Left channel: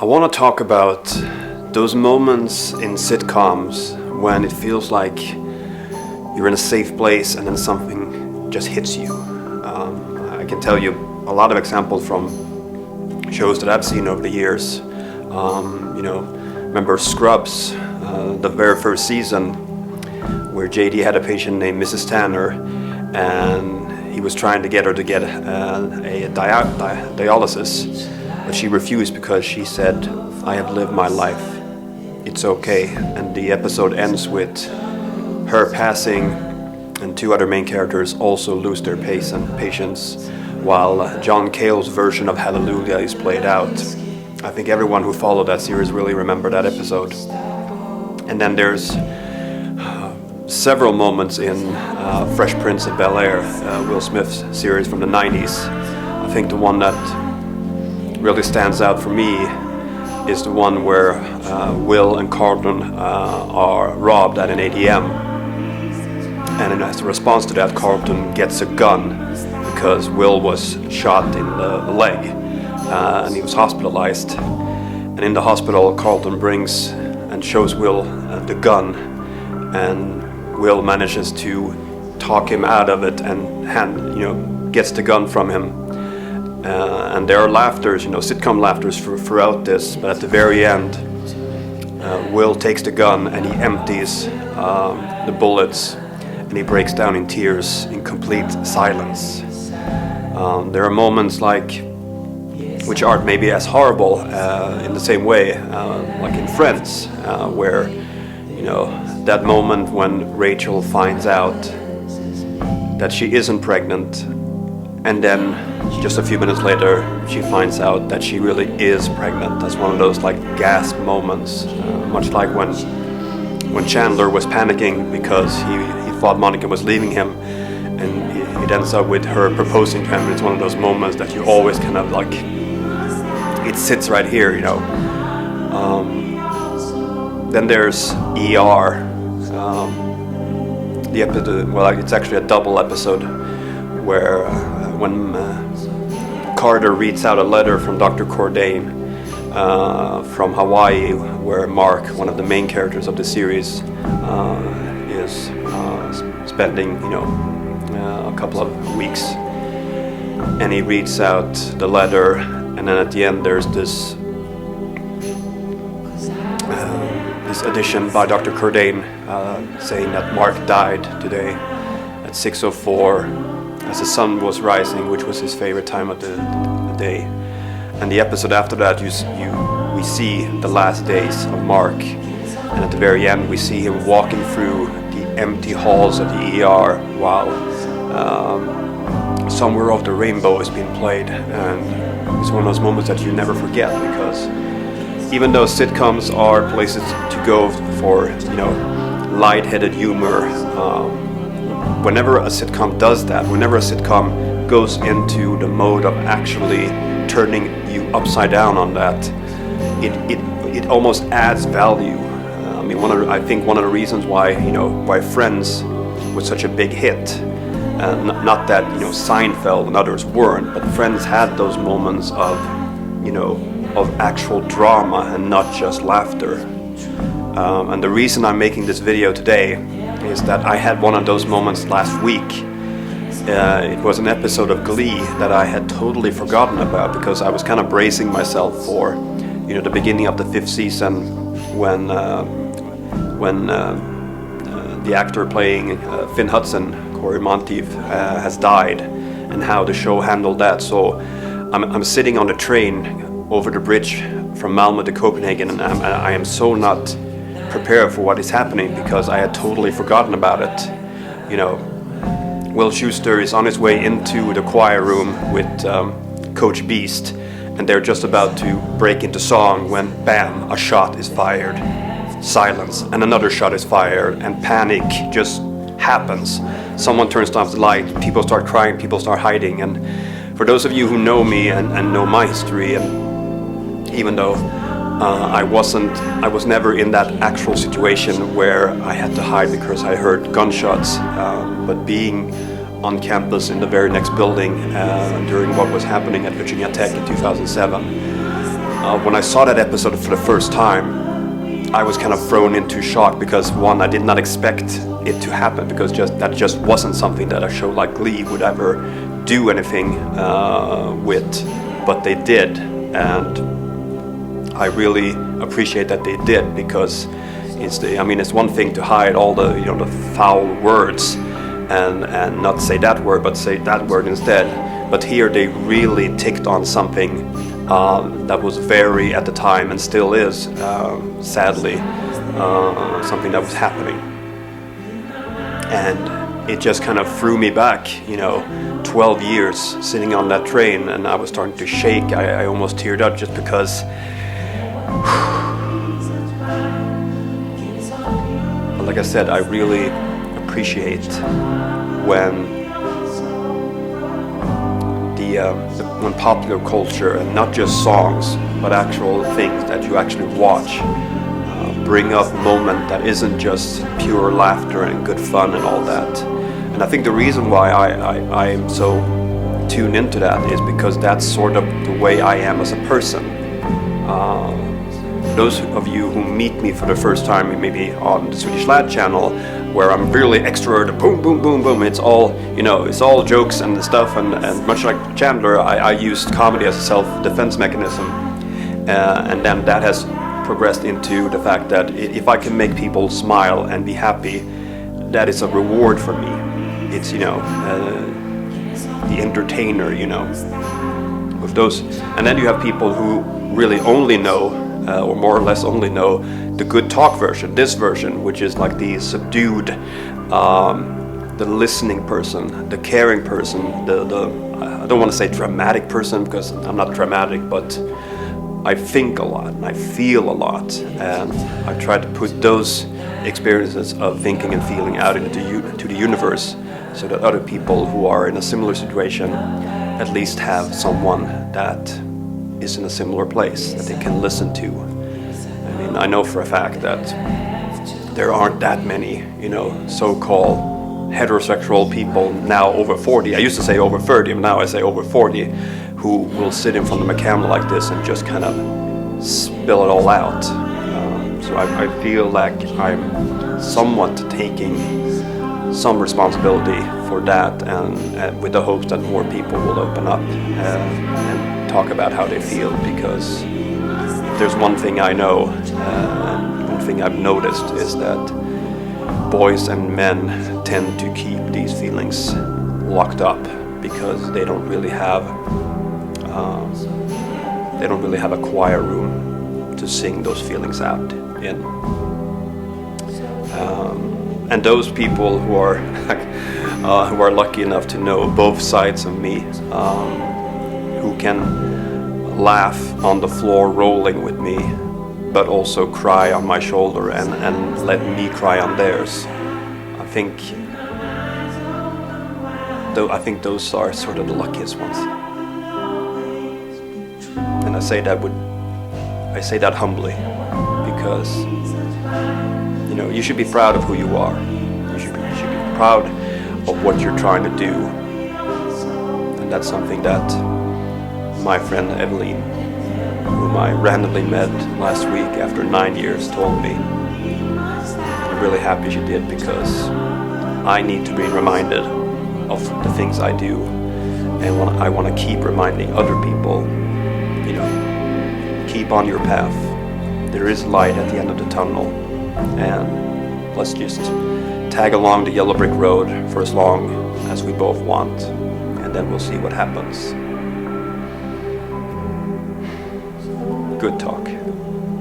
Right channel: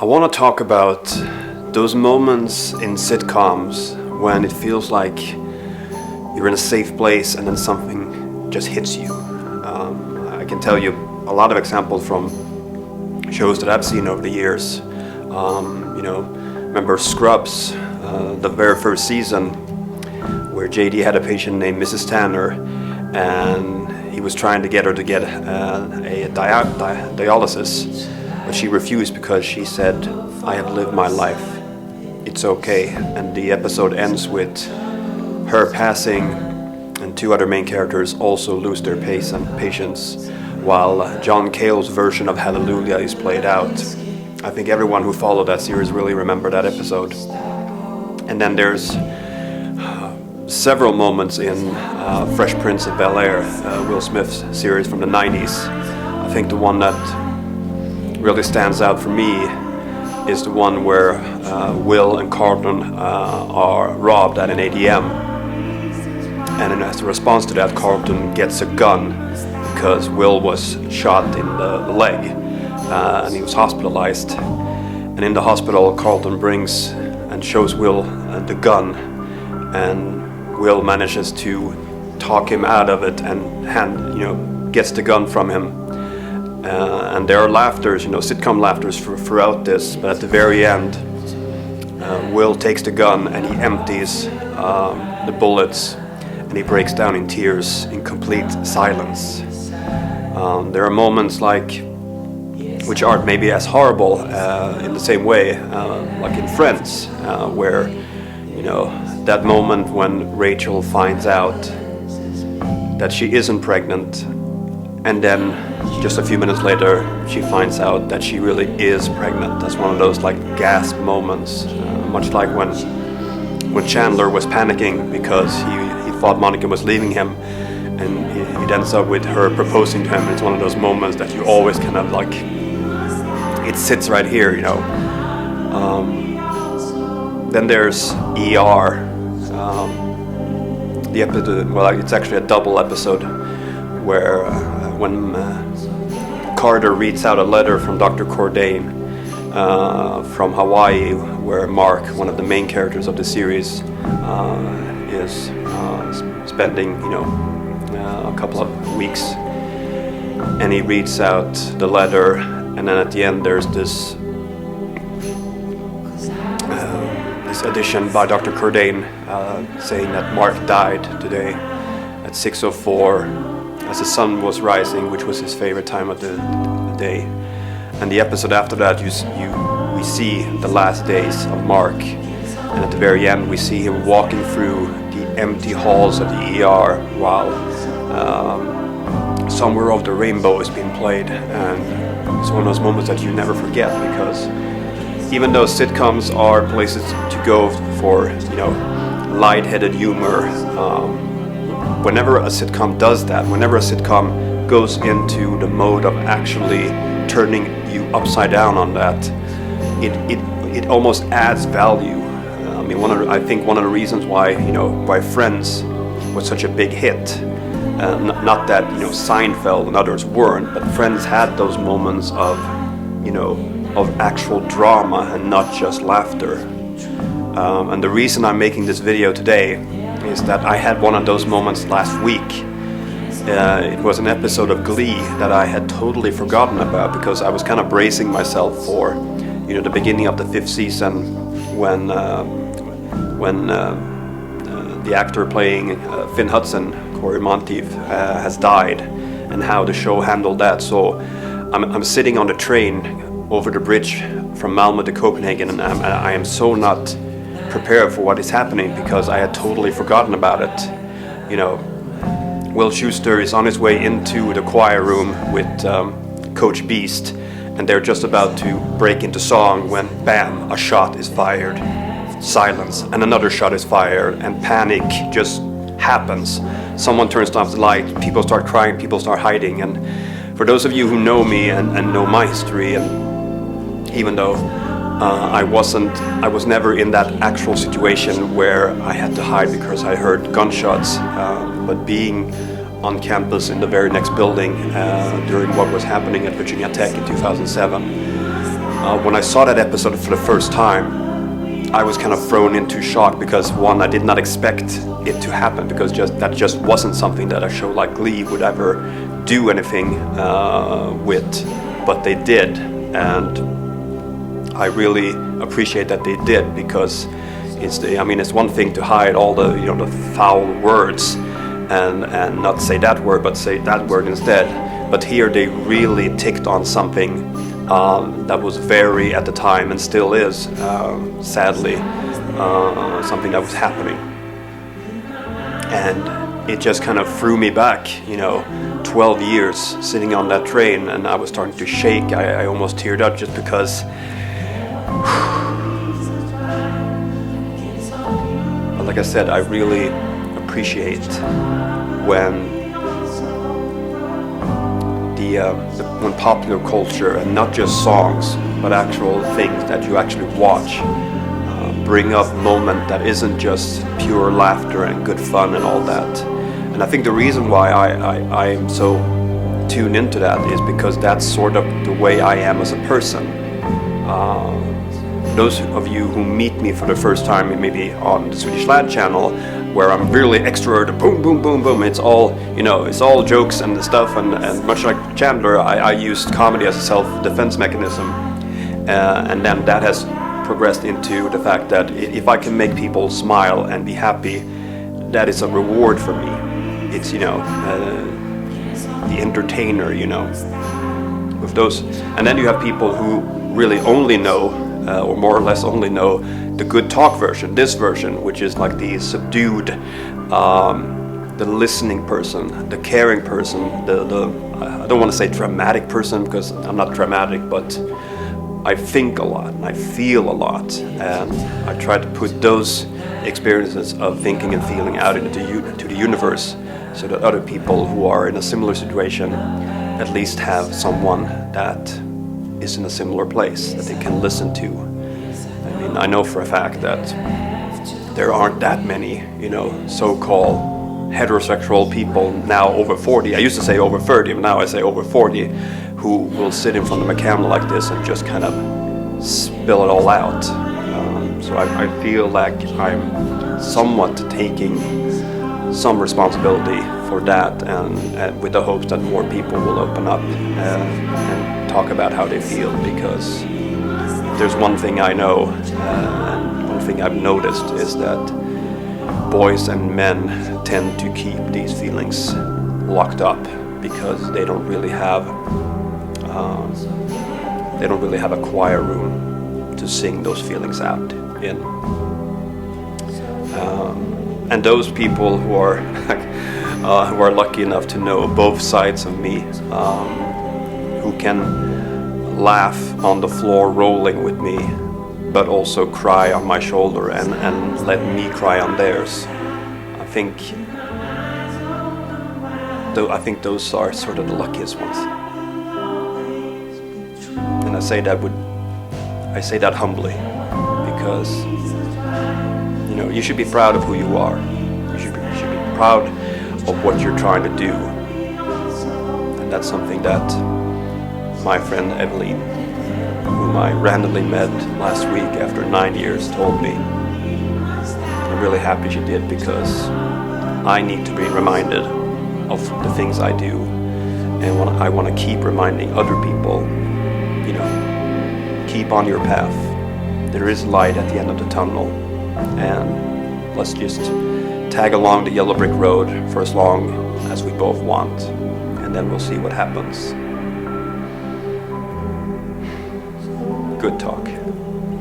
I want to talk about those moments in sitcoms when it feels like you're in a safe place and then something just hits you. I can tell you a lot of examples from shows that I've seen over the years. Remember Scrubs, the very first season, where JD had a patient named Mrs. Tanner, and he was trying to get her to get a dialysis, but she refused because she said, "I have lived my life. It's okay." And the episode ends with her passing, and two other main characters also lose their patience, while Jon Cale's version of Hallelujah is played out. I think everyone who followed that series really remember that episode. And then there's several moments in Fresh Prince of Bel-Air, Will Smith's series from the 90s. I think the one that really stands out for me is the one where Will and Carlton are robbed at an ATM. And as a response to that, Carlton gets a gun because Will was shot in the leg and he was hospitalized. And in the hospital, Carlton brings and shows Will the gun, and Will manages to talk him out of it and gets the gun from him. And there are laughters, sitcom laughters throughout this, but at the very end, Will takes the gun and he empties the bullets, and he breaks down in tears in complete silence. There are moments which aren't maybe as horrible in the same way, like in Friends, where, that moment when Rachel finds out that she isn't pregnant, and then just a few minutes later she finds out that she really is pregnant. That's one of those gasp moments, much like when Chandler was panicking because he thought Monica was leaving him, and it ends up with her proposing to him, and it's one of those moments that you always kind of it sits right here, Then there's ER, the episode. Well, it's actually a double episode where when Carter reads out a letter from Dr. Cordain from Hawaii, where Mark, one of the main characters of the series, is spending a couple of weeks, and he reads out the letter, and then at the end there's this addition by Dr. Cordain saying that Mark died today at 6:04 as the sun was rising, which was his favorite time of the day. And the episode after that, we see the last days of Mark, and at the very end we see him walking through the empty halls of the ER while Somewhere Over the Rainbow is being played, and it's one of those moments that you never forget, because even though sitcoms are places to go for, lightheaded humor, whenever a sitcom does that, whenever a sitcom goes into the mode of actually turning you upside down on that, it almost adds value. I think one of the reasons why Friends was such a big hit, not that Seinfeld and others weren't, but Friends had those moments of actual drama and not just laughter. And the reason I'm making this video today is that I had one of those moments last week. It was an episode of Glee that I had totally forgotten about, because I was kind of bracing myself for the beginning of the 5th season when the actor playing Finn Hudson, Corey Monteith, has died, and how the show handled that. So I'm sitting on the train over the bridge from Malmö to Copenhagen, and I am so not prepared for what is happening, because I had totally forgotten about it. Will Schuester is on his way into the choir room with Coach Beast, and they're just about to break into song when, bam, a shot is fired. Silence, and another shot is fired, and panic just happens. Someone turns off the light, people start crying, people start hiding. And for those of you who know me and know my history, and even though I was never in that actual situation where I had to hide because I heard gunshots, but being on campus in the very next building during what was happening at Virginia Tech in 2007, When I saw that episode for the first time, I was kind of thrown into shock because, one, I did not expect it to happen, because that just wasn't something that a show like Glee would ever do anything with, but they did, and I really appreciate that they did, because it's one thing to hide all the foul words and not say that word, but say that word instead. But here they really ticked on something that was very, at the time, and still is, sadly, something that was happening. And it just kind of threw me back, 12 years sitting on that train, and I was starting to shake. I almost teared up just because. But like I said, I really appreciate when when popular culture, and not just songs, but actual things that you actually watch, bring up moment that isn't just pure laughter and good fun and all that. And I think the reason why I am so tuned into that is because that's sort of the way I am as a person. For those of you who meet me for the first time, maybe on the Swedish Lad channel, where I'm really extroverted, boom, boom, boom, boom, it's all, it's all jokes and stuff, and much like Chandler, I used comedy as a self-defense mechanism, and then that has progressed into the fact that if I can make people smile and be happy, that is a reward for me. It's, the entertainer, with those. And then you have people who really only know, or more or less only know, the good talk version, this version, which is like the subdued, the listening person, the caring person, the I don't want to say dramatic person, because I'm not dramatic, but I think a lot and I feel a lot, and I try to put those experiences of thinking and feeling out into the universe, so that other people who are in a similar situation at least have someone that is in a similar place that they can listen to. I know for a fact that there aren't that many, so-called heterosexual people now over 40. I used to say over 30, but now I say over 40, who will sit in front of a camera like this and just kind of spill it all out. So I feel like I'm somewhat taking some responsibility for that, and with the hopes that more people will open up and talk about how they feel, because if there's one thing I know, and one thing I've noticed, is that boys and men tend to keep these feelings locked up because they don't really have a choir room to sing those feelings out in. And those people who are lucky enough to know both sides of me, who can laugh on the floor rolling with me, but also cry on my shoulder and let me cry on theirs. I think those are sort of the luckiest ones. And I say that humbly, because you should be proud of who you are. You should be proud of what you're trying to do. And that's something that my friend Evelyn, whom I randomly met last week after 9 years, told me. And I'm really happy she did, because I need to be reminded of the things I do, and I want to keep reminding other people, keep on your path. There is light at the end of the tunnel, and let's just tag along the yellow brick road for as long as we both want, and then we'll see what happens. Good talk.